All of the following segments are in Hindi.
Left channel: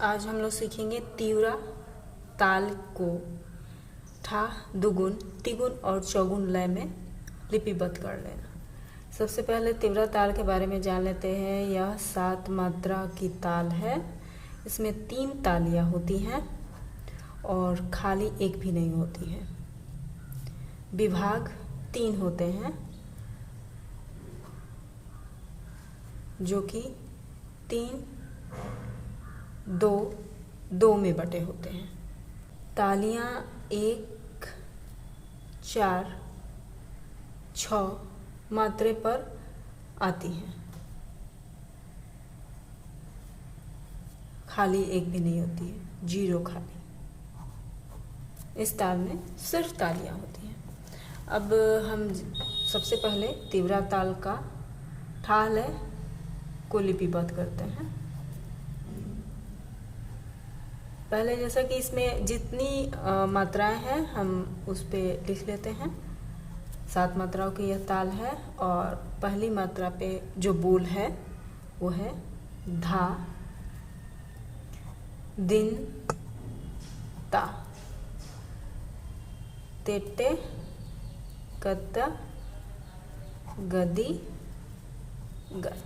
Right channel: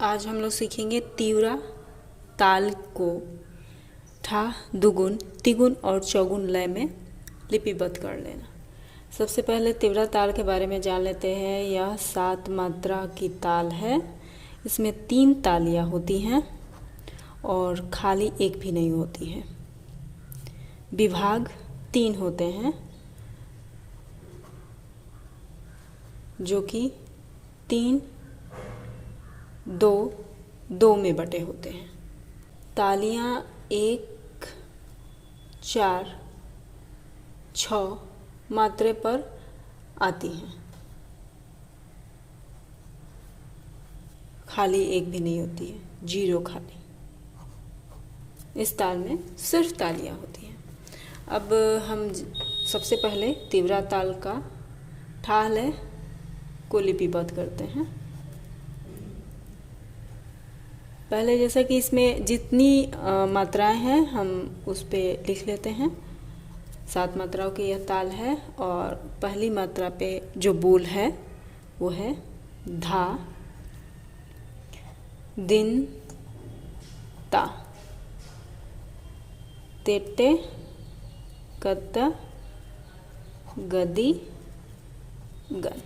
आज हम लोग सीखेंगे तीव्रा ताल को ठा, दुगुन, तिगुन और चौगुन लय में लिपिबद्ध कर लेना। सबसे पहले तीव्रा ताल के बारे में जान लेते हैं। यह 7 मात्रा की ताल है। इसमें 3 तालियां होती हैं और खाली एक भी नहीं होती है। विभाग 3 होते हैं जो कि 3, 2 में बटे होते हैं। तालियां 1, 4, 6 मात्रे पर आती हैं। खाली एक भी नहीं होती है, 0 खाली। इस ताल में सिर्फ तालियां होती हैं। अब हम सबसे पहले तीव्रा ताल का ठा लय को लिपिबद्ध करते हैं। पहले जैसा कि इसमें जितनी मात्राएं हैं हम उस पे लिख लेते हैं। 7 मात्राओं की यह ताल है और पहली मात्रा पे जो बोल है वो है धा, दिन, ता, तेटे, कत्ता, गदी, गन।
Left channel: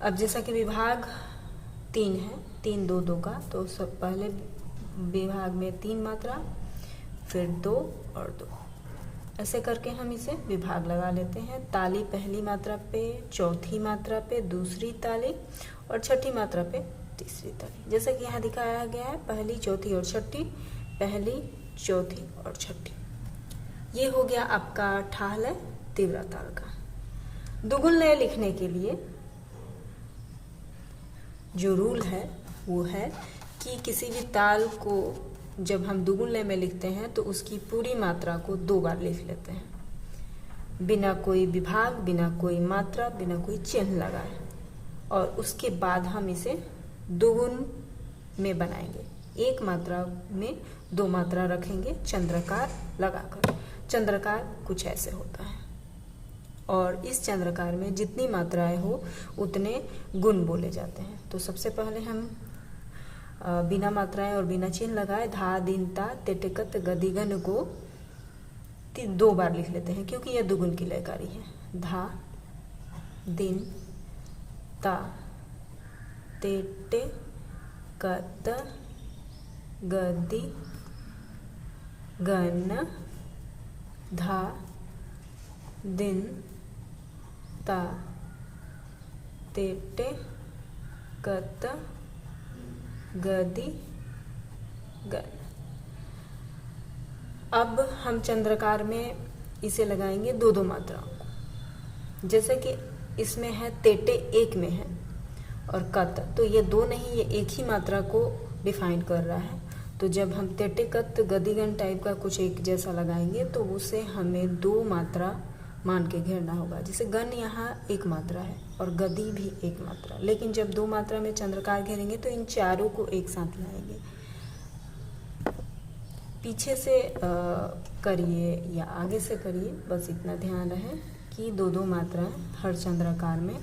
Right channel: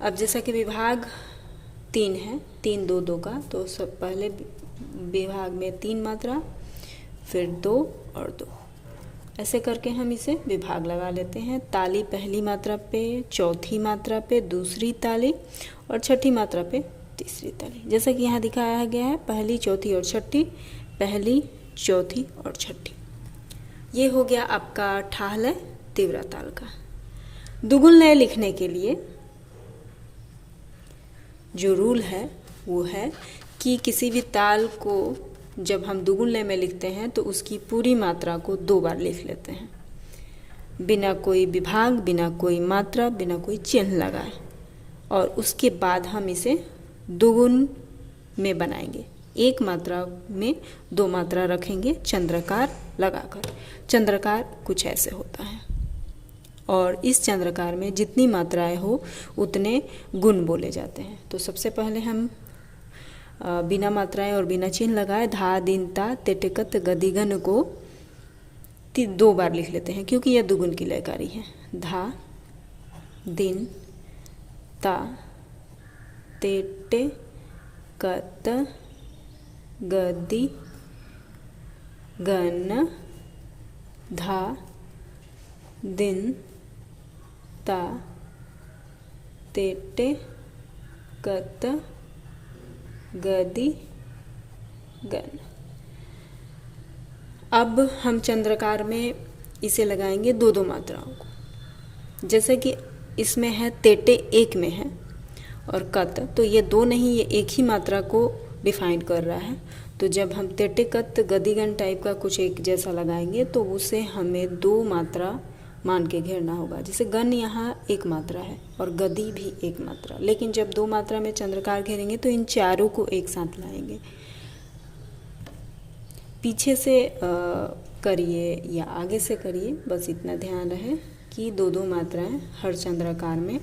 अब जैसा कि विभाग 3 है, 3, 2, 2 का, तो सब पहले विभाग में 3 मात्रा, फिर 2 और 2, ऐसे करके हम इसे विभाग लगा लेते हैं। ताली पहली मात्रा पे, चौथी मात्रा पे दूसरी ताली और छठी मात्रा पे तीसरी ताली। जैसा कि यहाँ दिखाया गया है, पहली, चौथी और छठी, पहली, चौथी और छठी। ये हो गया आपका ठा लय तीव्रा ताल का। दुगुन लय लिखने के लिए जो रूल है वो है कि किसी भी ताल को जब हम दुगुन लय में लिखते हैं तो उसकी पूरी मात्रा को 2 बार लिख लेते हैं, बिना कोई विभाग, बिना कोई मात्रा, बिना कोई चिन्ह लगाए। और उसके बाद हम इसे दुगुन में बनाएंगे। एक मात्रा में 2 मात्रा रखेंगे चंद्रकार लगाकर। चंद्रकार कुछ ऐसे होता है और इस चंद्रकार में जितनी मात्राएं हो उतने गुण बोले जाते हैं। तो सबसे पहले हम बिना मात्राएं और बिना चिन्ह लगाए धा, दिन, ता, तेटिकत, गदिगन को 2 बार लिख लेते हैं क्योंकि यह दुगुन की लयकारी है। धा, दिन, ता, तेटे, कत, गदि, गन, धा, दिन, ता, तेटे, कत, गदि, गन। अब हम चंद्रकार में इसे लगाएंगे 2-2 मात्राओं को। जैसे कि इसमें है तेटे 1 में है और कत, तो ये 2 नहीं, ये एक ही मात्रा को डिफाइन कर रहा है। तो जब हम तेटे, कत, गदिगन टाइप का कुछ एक जैसा लगाएंगे तो उसे हमें 2 मात्रा मान के घेरना होगा। जैसे गन यहाँ 1 मात्रा है और गदी भी 1 मात्रा, लेकिन जब 2 मात्रा में चंद्रकार घेरेंगे तो इन चारों को एक साथ लाएंगे। पीछे से करिए या आगे से करिए, बस इतना ध्यान रहे कि 2-2 मात्राएं हर चंद्रकार में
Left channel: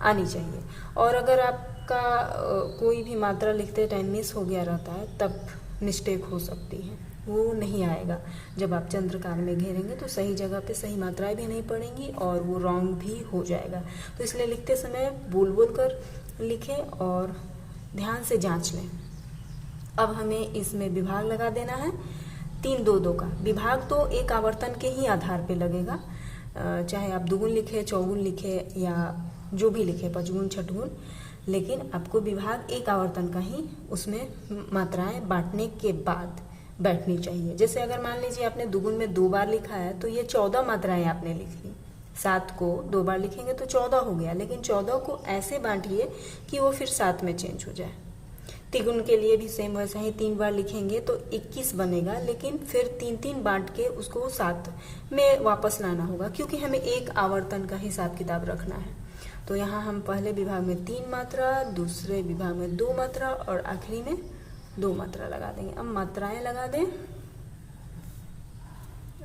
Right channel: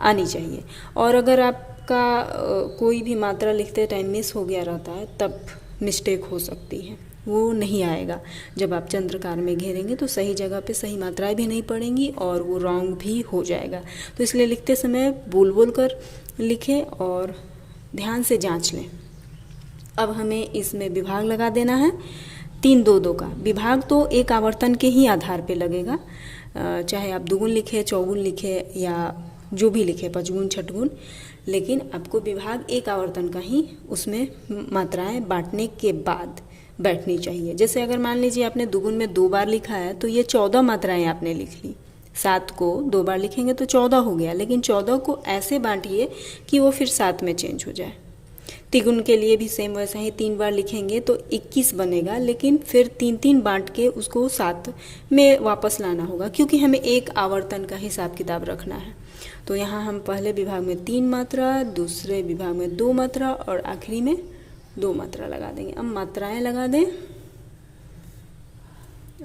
आनी चाहिए। और अगर आपका कोई भी मात्रा लिखते टाइम मिस हो गया रहता है तब मिस्टेक हो सकती है, वो नहीं आएगा। जब आप चंद्रकार में घेरेंगे तो सही जगह पे सही मात्राएं भी नहीं पड़ेंगी और वो रॉन्ग भी हो जाएगा। तो इसलिए लिखते समय बोल बोल कर लिखें और ध्यान से जांच लें। अब हमें इसमें विभाग लगा देना है 3, 2, 2 का। विभाग तो एक आवर्तन के ही आधार पे लगेगा, चाहे आप दुगुन लिखे, चौगुन लिखे या जो भी लिखे, पचगुन, छठगुन, लेकिन आपको विभाग एक आवर्तन का ही उसमें मात्राएं बांटने के बाद बैठनी चाहिए। जैसे अगर मान लीजिए आपने दुगुन में 2 बार लिखा है तो ये 14 मात्राएं आपने लिख ली। 7 को 2 बार लिखेंगे तो 14 हो गया, लेकिन 14 को ऐसे बांटिए कि वो फिर 7 में चेंज हो जाए। तिगुन के लिए भी सेम वैसा ही 3 बार लिखेंगे तो 21 बनेगा, लेकिन फिर 3-3 बांट के उसको 7 में वापस लाना होगा क्योंकि हमें एक आवर्तन का हिसाब किताब रखना है। तो यहाँ हम पहले विभाग में 3 मात्रा, दूसरे विभाग में 2 मात्रा और आखिरी में 2 मात्रा लगा देंगे। अब मात्राएं लगा दें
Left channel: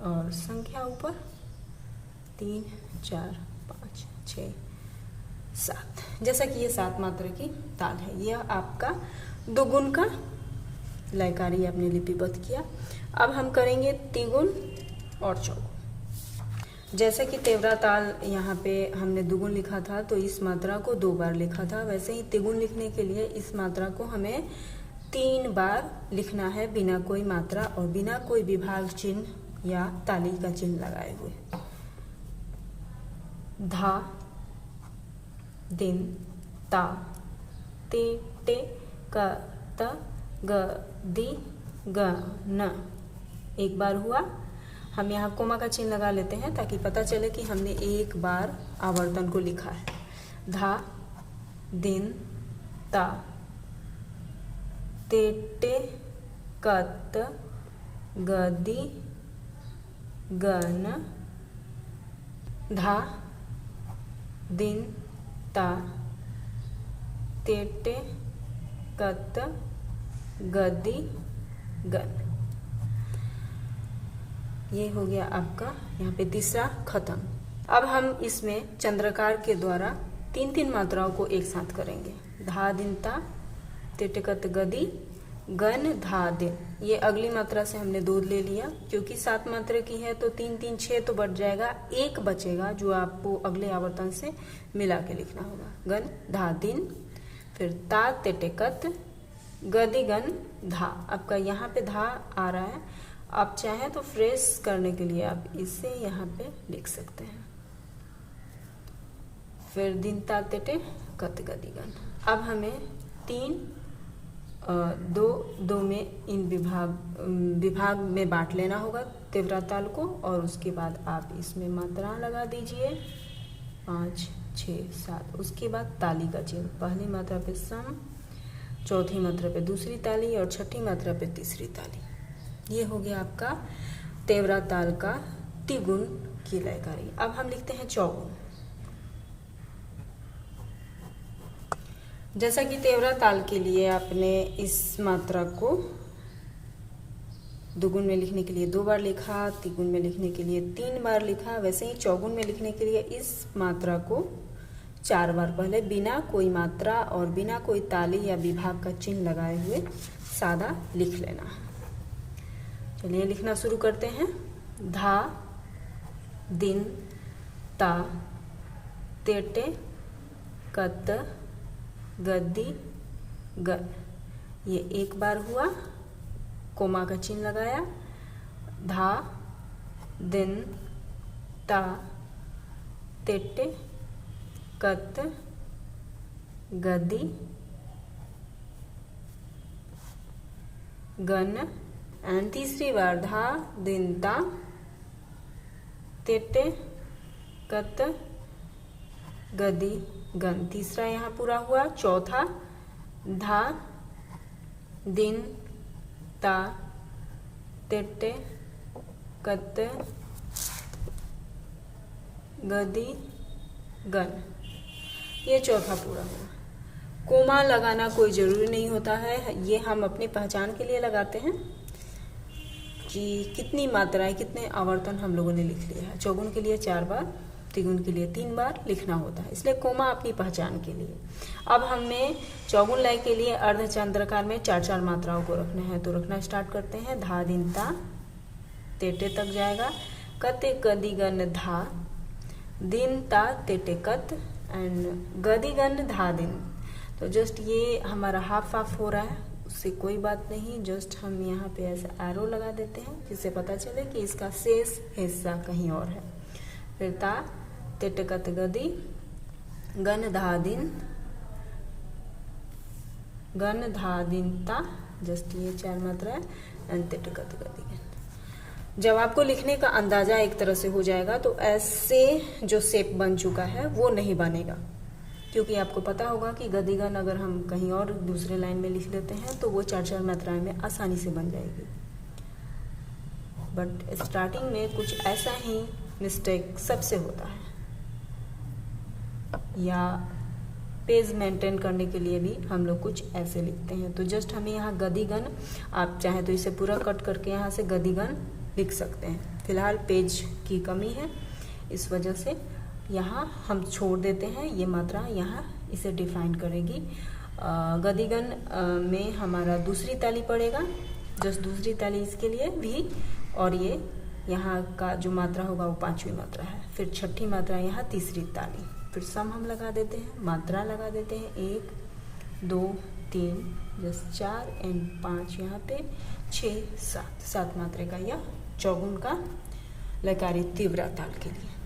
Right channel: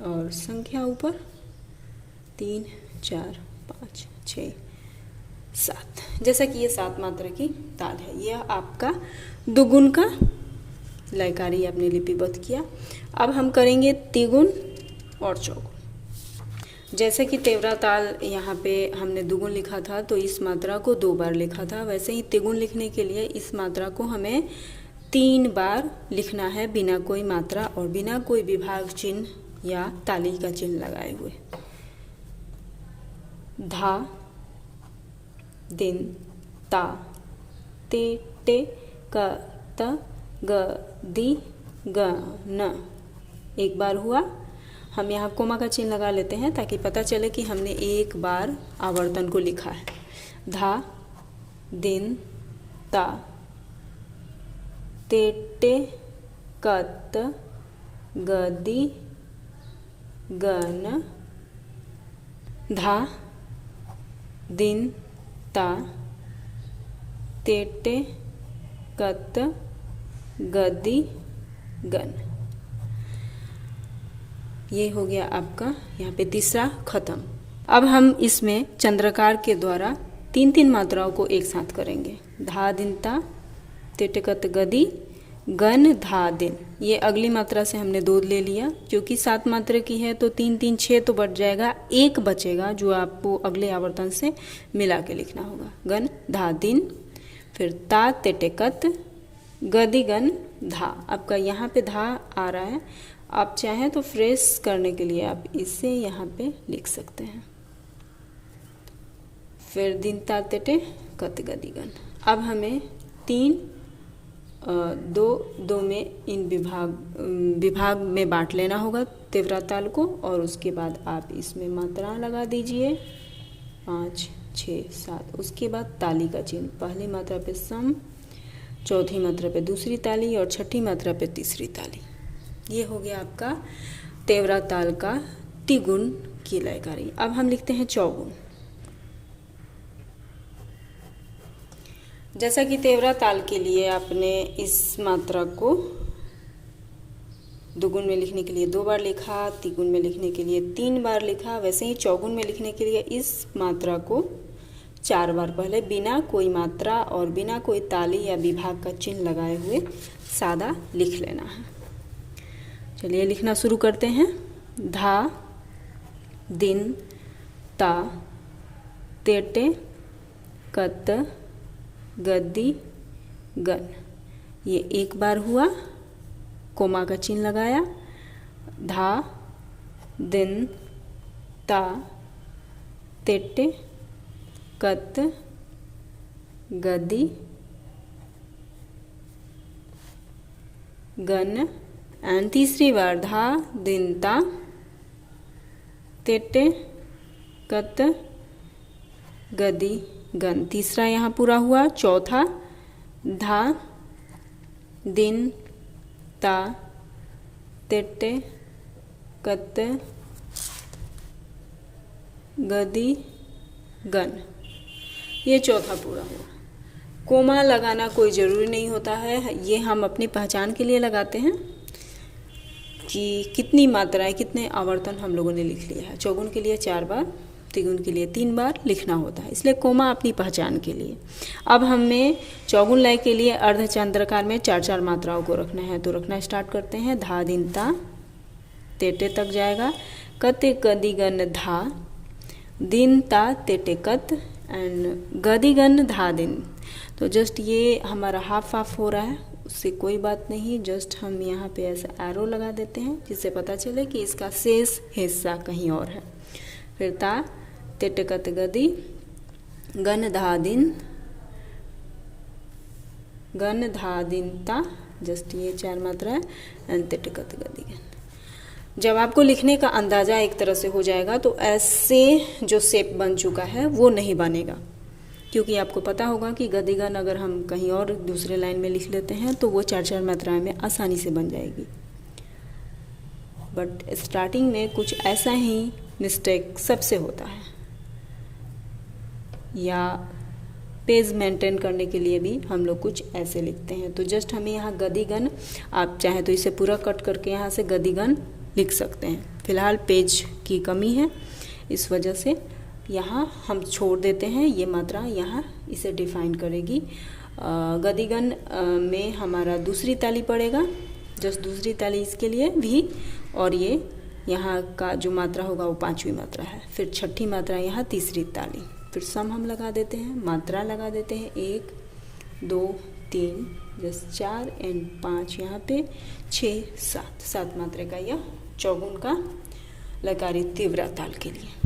और संख्या ऊपर 3, 4, 5, 6, 7। जैसा कि ये 7 मात्रा की ताल है। यह आपका दुगुन का लयकारी आपने लिपिबद्ध किया। अब हम करेंगे तिगुन और चौगुन। जैसे कि तेवरा ताल यहाँ पे हमने दुगुन लिखा था तो इस मात्रा को 2 बार लिखा था, वैसे ही तिगुन लिखने के लिए इस मात्रा को हमें 3 बार लिखना है बिना कोई मात्रा और बिना कोई विभाग चिन्ह या ताली का चिन्ह लगाए हुए। धा, दिन, ता, ते, टे, क, त, ग, दी, ग, न। एक बार हुआ। हम यहाँ कोमा का चिन्ह लगा लेते हैं ताकि पता चले कि हमने एक बार आवर्तन को लिखा है। धा, दिन, ता, ते, टे, कत, गदी, गन। धा, दिन, ता, ते, टे, कत, गदी, गन। ये हो गया आपका यहाँ पे तीसरा खत्म। अब हम इसमें चंद्रकार के द्वारा 3-3 मात्राओं को एक साथ करेंगे। धा, दिन, ता, ते, टे, कत, गदी, गन, धा, दिन। ये अगली मात्रा से हमने 2 ले लिया, क्योंकि 7 मात्रा की है तो 3 3 6 तो बढ़ जाएगा, 1 बचेगा जो आपको अगले आवर्तन से मिला के लिखना होगा। गन, धा, दिन, फिर ता, ते, टे, कत, गदी, गन, धा। आपका यहाँ पे धा आ रहा है, आप चाहें तो फ्रेश करने के लिए आप इसे यहाँ पे लिख सकते हैं। फिर दिन, ता, ते, टे, कत, गदी, गन। अब हमें 2 में इन विभाग में बांट लेना होगा तेवरा ताल को, और उसके बाद आप इसमें मात्रा लगा दीजिए 5, 6, 7। उसके बाद ताली का चिन्ह, पहली मात्रा पे सम, चौथी मात्रा पे दूसरी ताली और छठी मात्रा पे तीसरी ताली। ये हो गया आपका तेवरा ताल का तिगुन की लयकारी। अब हम लिखते हैं चौगुन। जैसा कि तेवरा ताल के लिए आपने इस मात्रा को दुगुन में लिखने के लिए 2 बार लिखा, तिगुन में लिखने के लिए 3 बार लिखा, वैसे ही चौगुन में लिखने के लिए इस मात्रा को 4 बार पहले बिना कोई मात्रा और बिना कोई ताली या विभाग का चिन्ह लगाए हुए सादा लिख लेना है। चलिए लिखना शुरू करते हैं। धा, दिन, ता, ते, टे, कत, गदी, गन। ये 1 बार हुआ, कोमा का चिन्ह लगाया। धा, दिन, ता, ते, टे, कत, गदी, गन। एंड तीसरी बार धा, दिन, ता, ते, टे, कत, गदी, गन। तीसरा यहाँ पूरा हुआ। चौथा धा, दिन, ता, ते, टे, कत, गदी, गन। ये चौथा पूरा हुआ। कोमा लगाना कोई ज़रूरी नहीं होता है, ये हम अपनी पहचान के लिए लगाते हैं कि कितनी मात्राएं, कितने आवर्तन हम लोगों ने लिख लिया है। चौगुन के लिए 4 बार, तिगुन के लिए 3 बार लिखना होता है, इसलिए कोमा अपनी पहचान के लिए। अब हमें चौगुन लय के लिए अर्धचंद्राकार में 4-4 मात्राओं को रखना है, तो रखना स्टार्ट करते हैं। धा, दिन, ता, ते, टे तक जाएगा। कते, गदी, गन, धा, दिन, ता, ते, टे, कत एंड गदी, गन, धा, दिन। तो जस्ट ये हमारा हाफ हो रहा है, उससे कोई बात नहीं, जस्ट हम यहाँ पे ऐसा एरो लगा देते हैं जिससे पता चले कि इसका शेष हिस्सा कहीं और है। फिर ता, ते, टे, कत, गदी, गन, धा, दिन, गन, धा, दिन, ता। जस्ट ये 4 मात्रा है एंड ते, टे, कत, गदी, गन। जब आपको लिखने का अंदाजा एक तरह से हो जाएगा तो ऐसे जो शेप बन चुका है वो नहीं बनेगा, क्योंकि आपको पता होगा कि गदी, गन अगर हम कहीं और दूसरे लाइन में लिख लेते हैं तो वो 4-4 मात्राएं में आसानी से बन जाएगी। बट स्टार्टिंग में कुछ ऐसा ही मिस्टेक सबसे होता है, या पेज मेंटेन करने के लिए भी हम लोग कुछ ऐसे लिखते हैं। तो जस्ट हमें यहाँ गदी, गन, आप चाहे तो इसे पूरा कट करके यहाँ से गदी, गन लिख सकते हैं। फिलहाल पेज की कमी है, इस वजह से यहाँ हम छोड़ देते हैं, ये मात्रा यहाँ इसे डिफाइन करेगी। गदिगन में हमारा दूसरी ताली पड़ेगा, जस्ट दूसरी ताली इसके लिए भी, और ये यहाँ का जो मात्रा होगा वो 5वीं मात्रा है। फिर छठी मात्रा यहाँ तीसरी ताली, फिर सम हम लगा देते हैं, मात्रा लगा देते हैं 1 2 3 जस्ट 4 एंड 5 यहाँ पे 6 7 मात्रा का यह चौगुन का लकारी तीव्र ताल के लिए।